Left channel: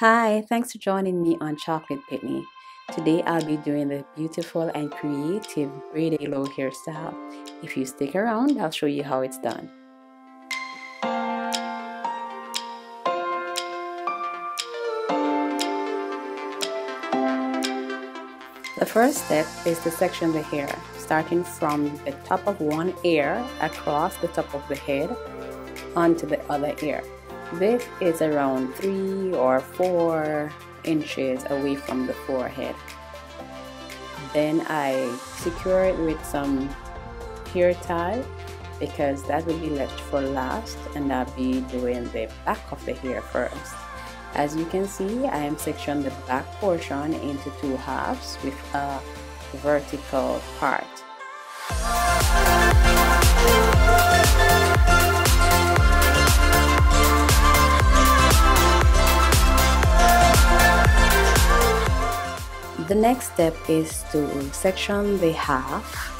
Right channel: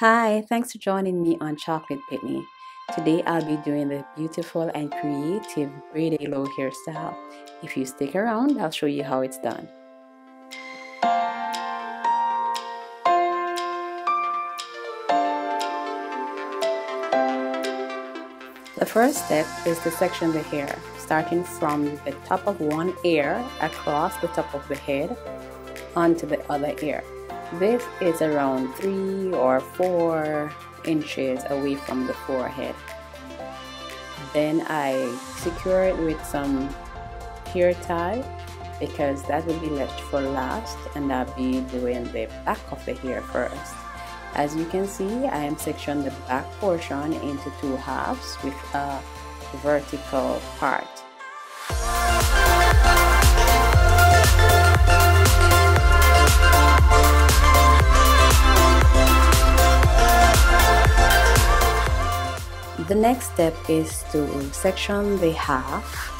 Hi, thanks for joining me on Chocolate Pickney. Today I'll be doing the beautiful and creative braided halo hairstyle. If you stick around, I'll show you how it's done. The first step is to section the hair, starting from the top of one ear across the top of the head onto the other ear. This is around 3 or 4 inches away from the forehead. Then I secure it with some hair tie because that will be left for last, and I'll be doing the back of the hair first. As you can see, I am sectioning the back portion into 2 halves with a vertical part. The next step is to section the half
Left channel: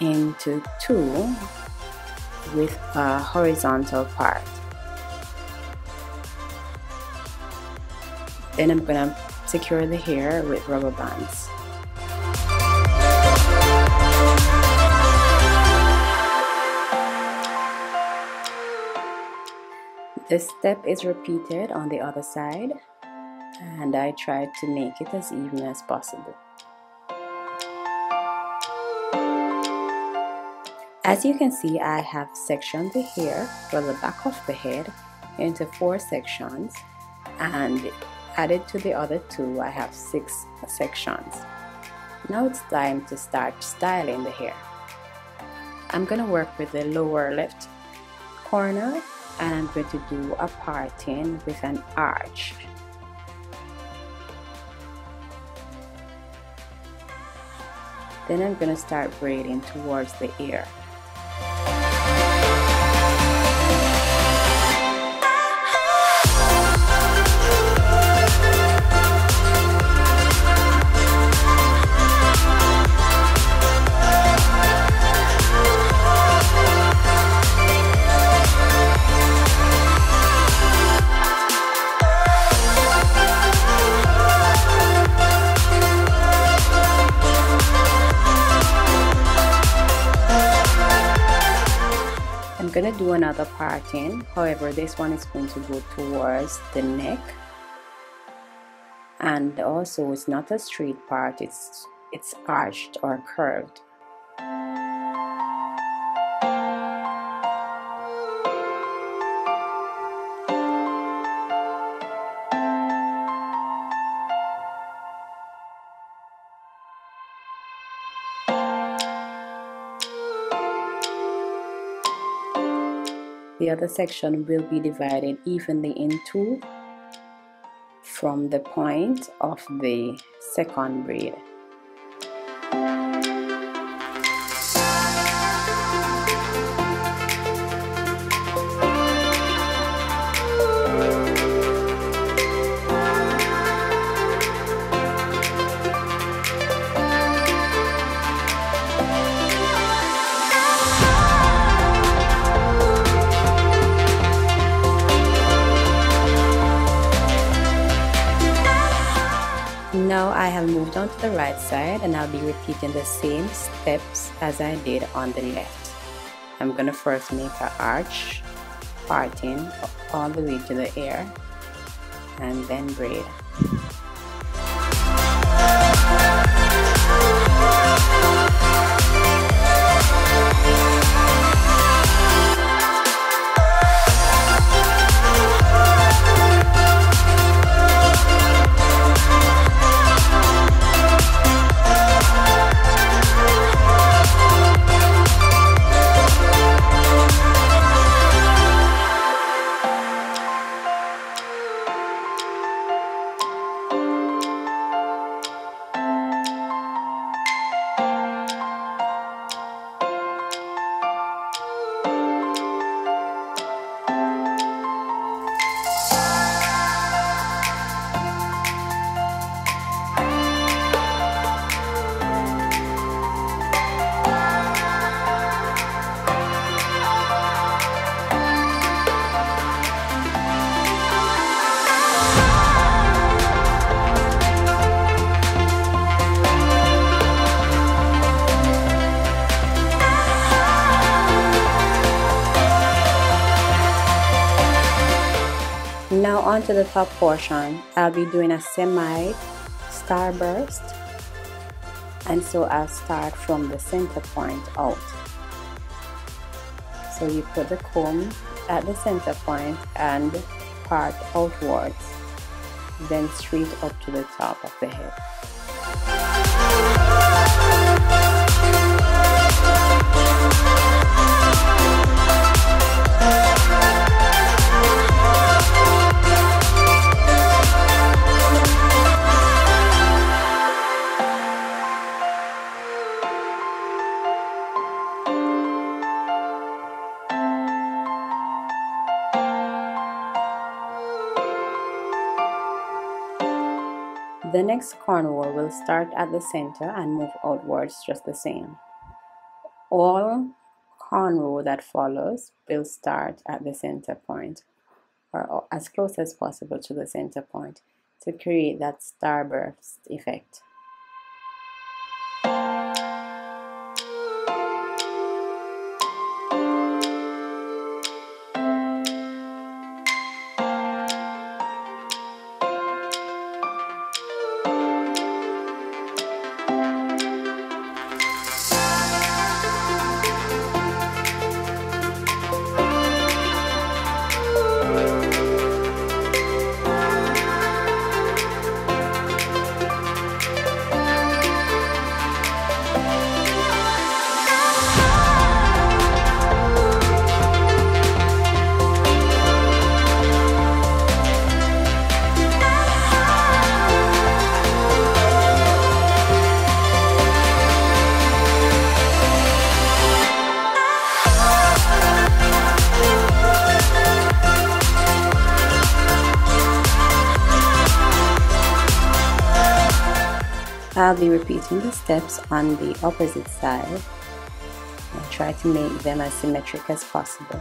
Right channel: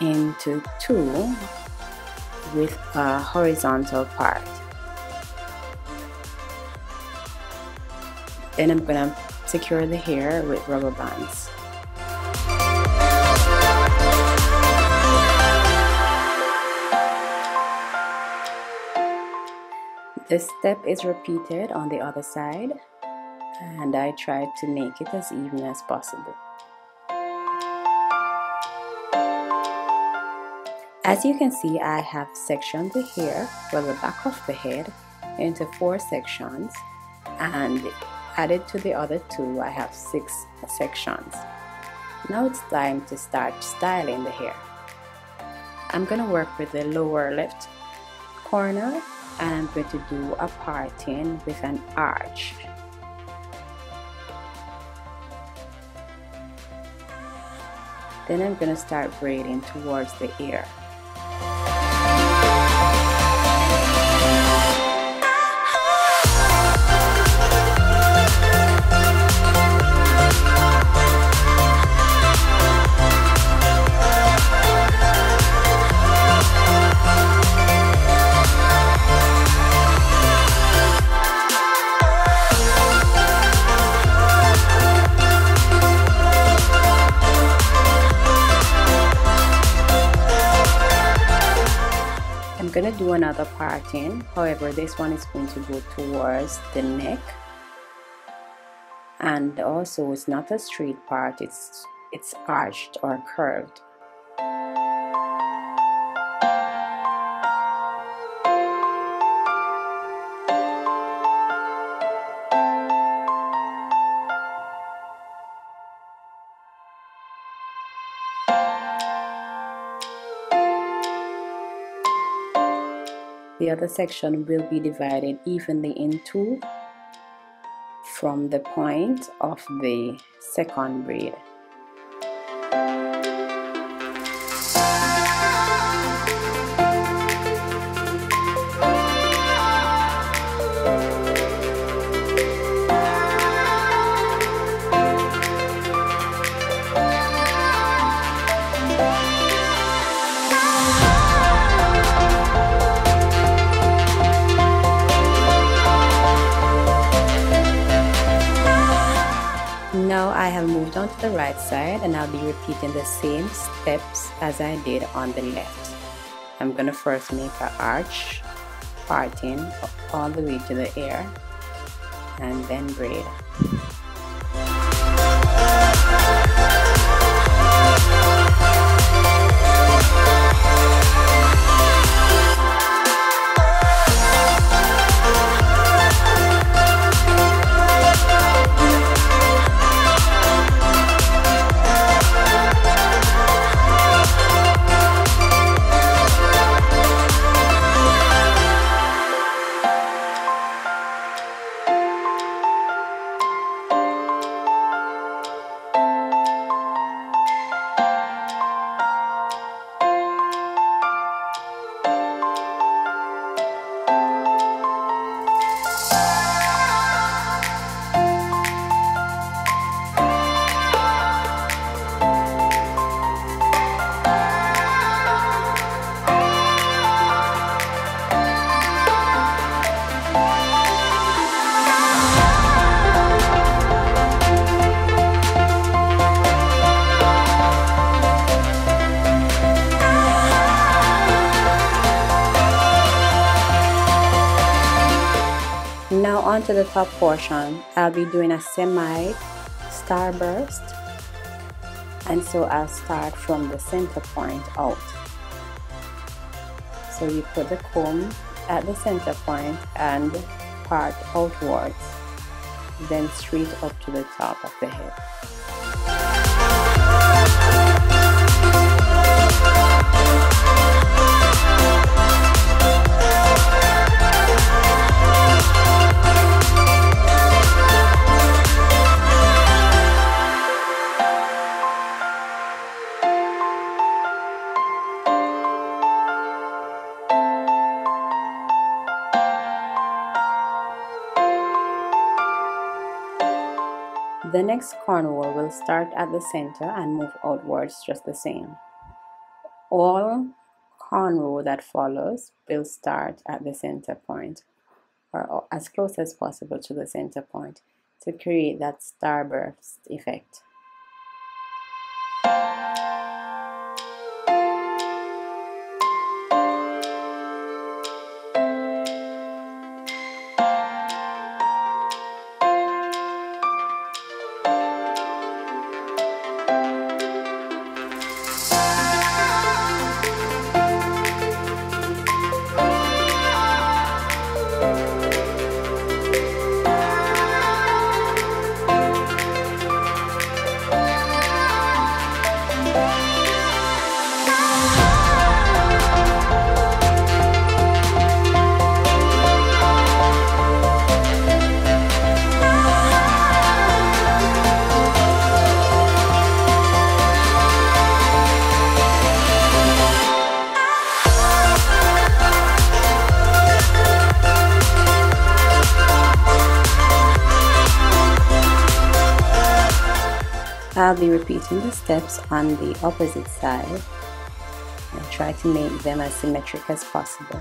into 2 with a horizontal part. Then I'm gonna secure the hair with rubber bands. This step is repeated on the other side, and I try to make it as even as possible. As you can see, I have sectioned the hair, well, the back of the head, into 4 sections, and added to the other 2, I have 6 sections. Now it's time to start styling the hair. I'm going to work with the lower left corner, and I'm going to do a parting with an arch. Then I'm going to start braiding towards the ear. I'm gonna do another parting, however this one is going to go towards the neck, and also it's not a straight part, it's arched or curved. The other section will be divided evenly in 2 from the point of the second braid. Now I have moved on to the right side, and I'll be repeating the same steps as I did on the left. I'm going to first make an arch parting all the way to the ear and then braid. onto the top portion, I'll be doing a semi starburst, and so I'll start from the center point out. So you put the comb at the center point and part outwards, then straight up to the top of the head. The next cornrow will start at the center and move outwards just the same. All cornrow that follows will start at the center point, or as close as possible to the center point, to create that starburst effect. I'll be repeating the steps on the opposite side and try to make them as symmetric as possible.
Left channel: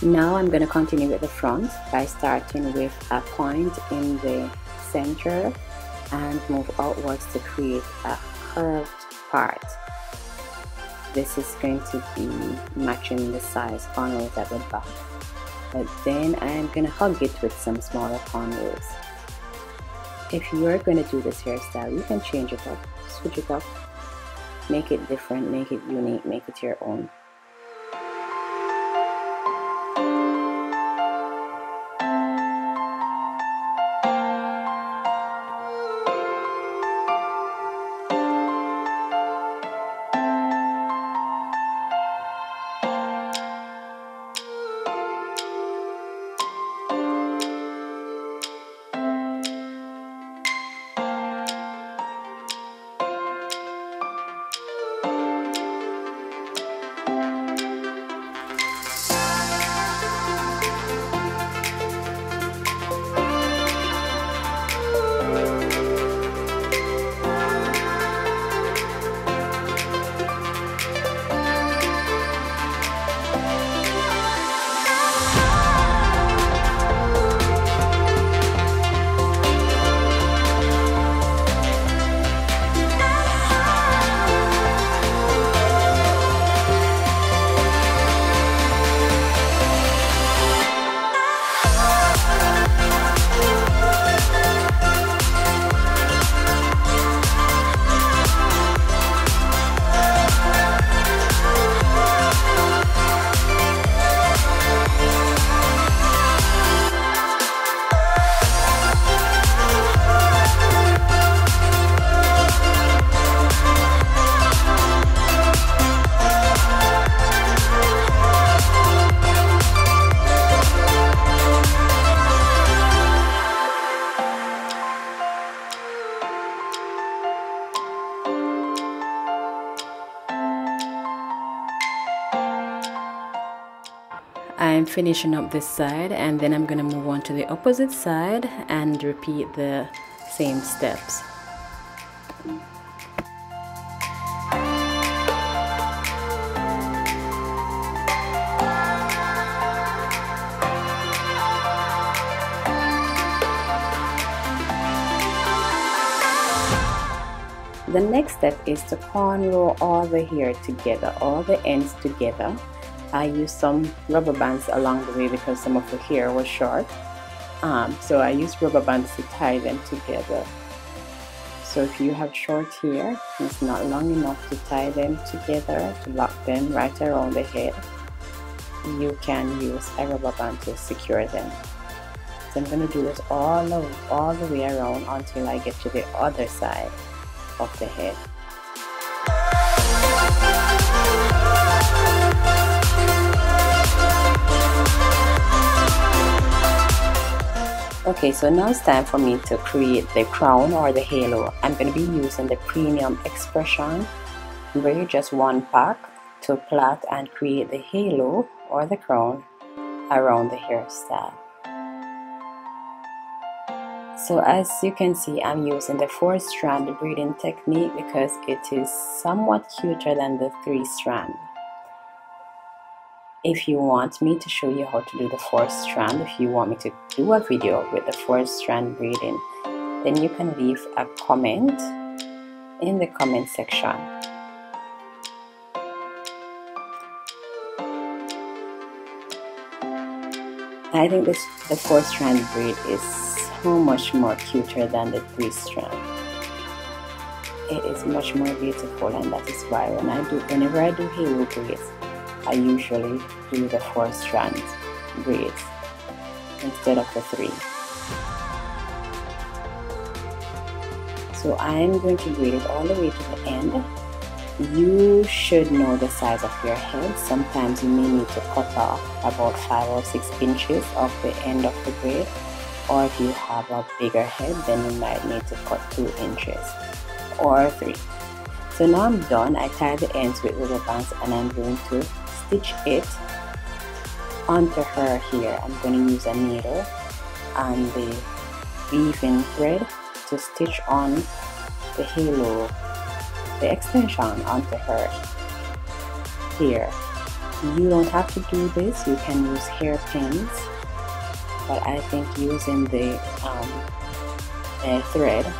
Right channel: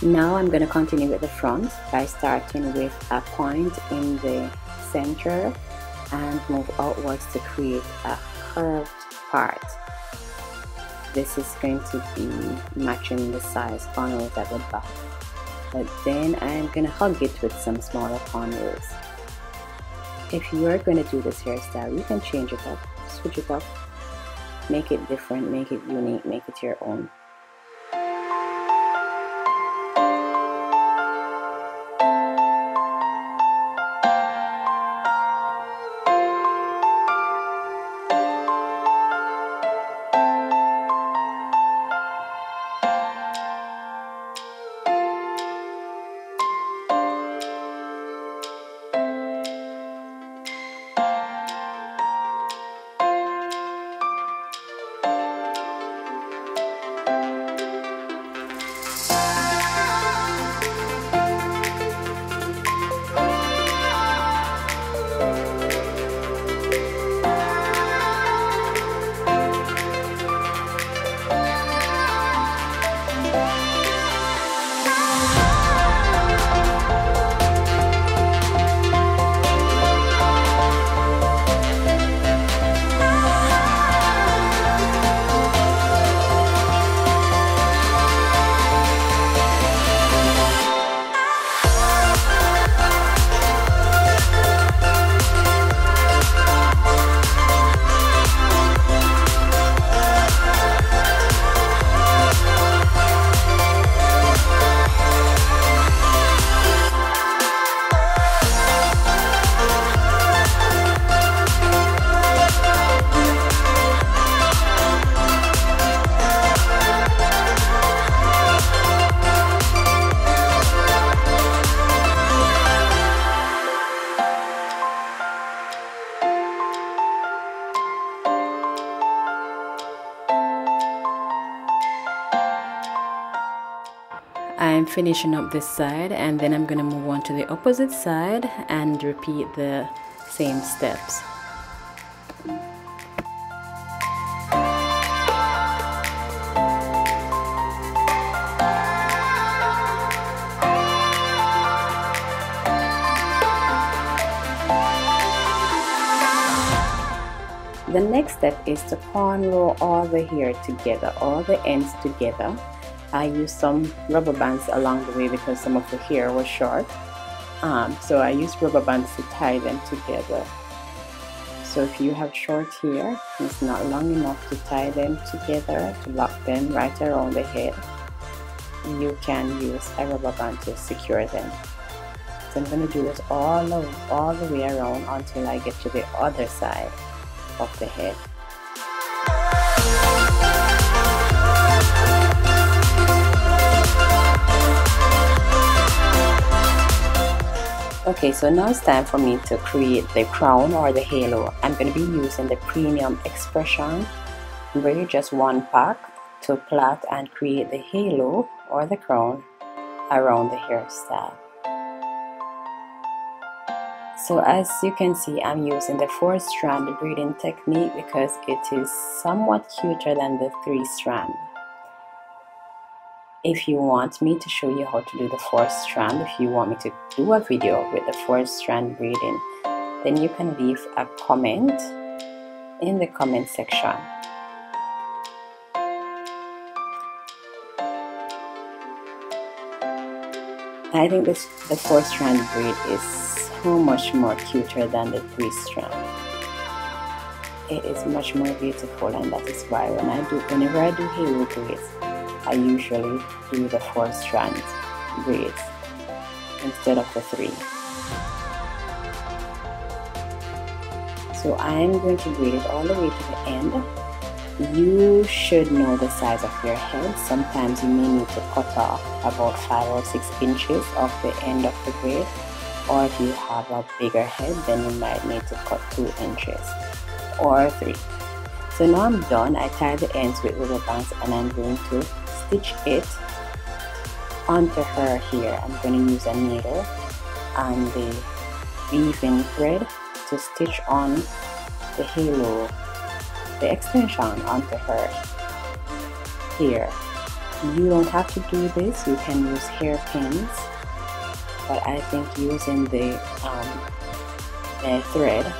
Now I'm going to continue with the front by starting with a point in the center and move outwards to create a curved part. This is going to be matching the size cornrows at the back, but then I'm going to hug it with some smaller cornrows. If you're going to do this hairstyle, you can change it up, switch it up, make it different, make it unique, make it your own. I'm finishing up this side, and then I'm going to move on to the opposite side and repeat the same steps. The next step is to cornrow all the hair together, all the ends together. I used some rubber bands along the way because some of the hair was short. So I used rubber bands to tie them together. So if you have short hair, it's not long enough to tie them together, to lock them right around the head, you can use a rubber band to secure them. So I'm going to do this all the way around until I get to the other side of the head. Okay, so now it's time for me to create the crown or the halo. I'm going to be using the premium expression braid, just one pack, to plait and create the halo or the crown around the hairstyle. So as you can see, I'm using the 4-strand braiding technique because it is somewhat cuter than the 3-strand. If you want me to show you how to do the 4-strand, if you want me to do a video with the 4-strand braiding, then you can leave a comment in the comment section. I think the 4-strand braid is so much more cuter than the 3-strand. It is much more beautiful, and that is why whenever I do halo braids, I usually do the 4-strand braids instead of the 3. So I'm going to braid it all the way to the end. You should know the size of your head. Sometimes you may need to cut off about 5 or 6 inches of the end of the braid, or if you have a bigger head, then you might need to cut 2 inches or 3. So now I'm done. I tied the ends with rubber bands, and I'm going to stitch it onto her here. I'm going to use a needle and the weaving thread to stitch on the halo, the extension onto her here. You don't have to do this, you can use hairpins, but I think using the thread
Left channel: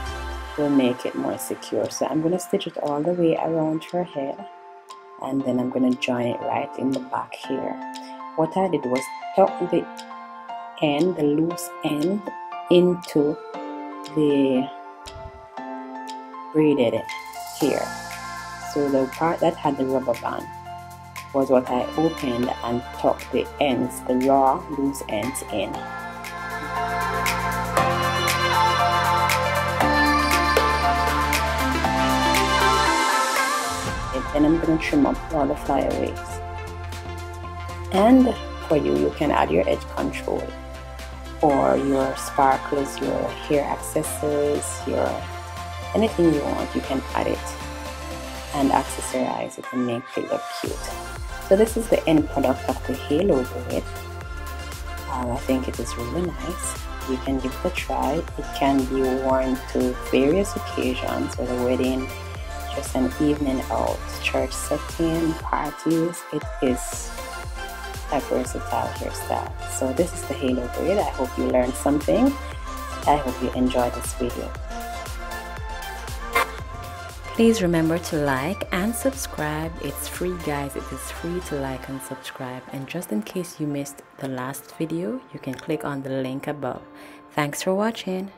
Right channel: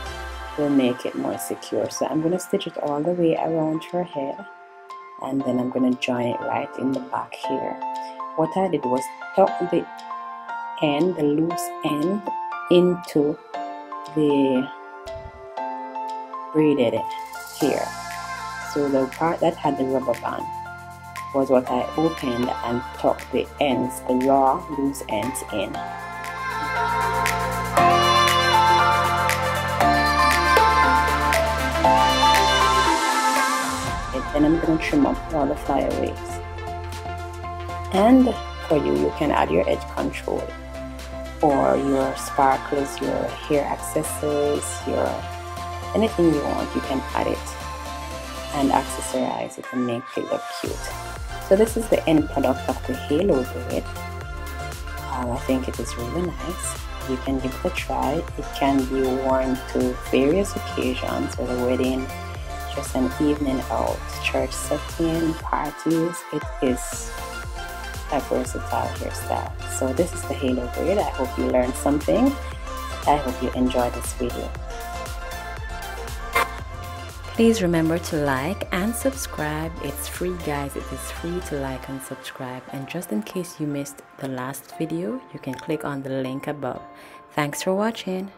will make it more secure. So I'm going to stitch it all the way around her head, and then I'm going to join it right in the back here. What I did was tuck the end, the loose end, into the braided here. So the part that had the rubber band was what I opened and tucked the ends, the raw loose ends, in. And then I'm going to trim up all the flyaways. And for you can add your edge control or your sparkles, your hair accessories, your anything you want, you can add it and accessorize it and make it look cute. So this is the end product of the halo braid. I think it is really nice. You can give it a try. It can be worn to various occasions, whether wedding, just an evening out, church setting, parties. It is a versatile hairstyle. So this is the halo braid. I hope you learned something. I hope you enjoyed this video. Please remember to like and subscribe. It's free, guys. It is free to like and subscribe. And just in case you missed the last video, you can click on the link above. Thanks for watching.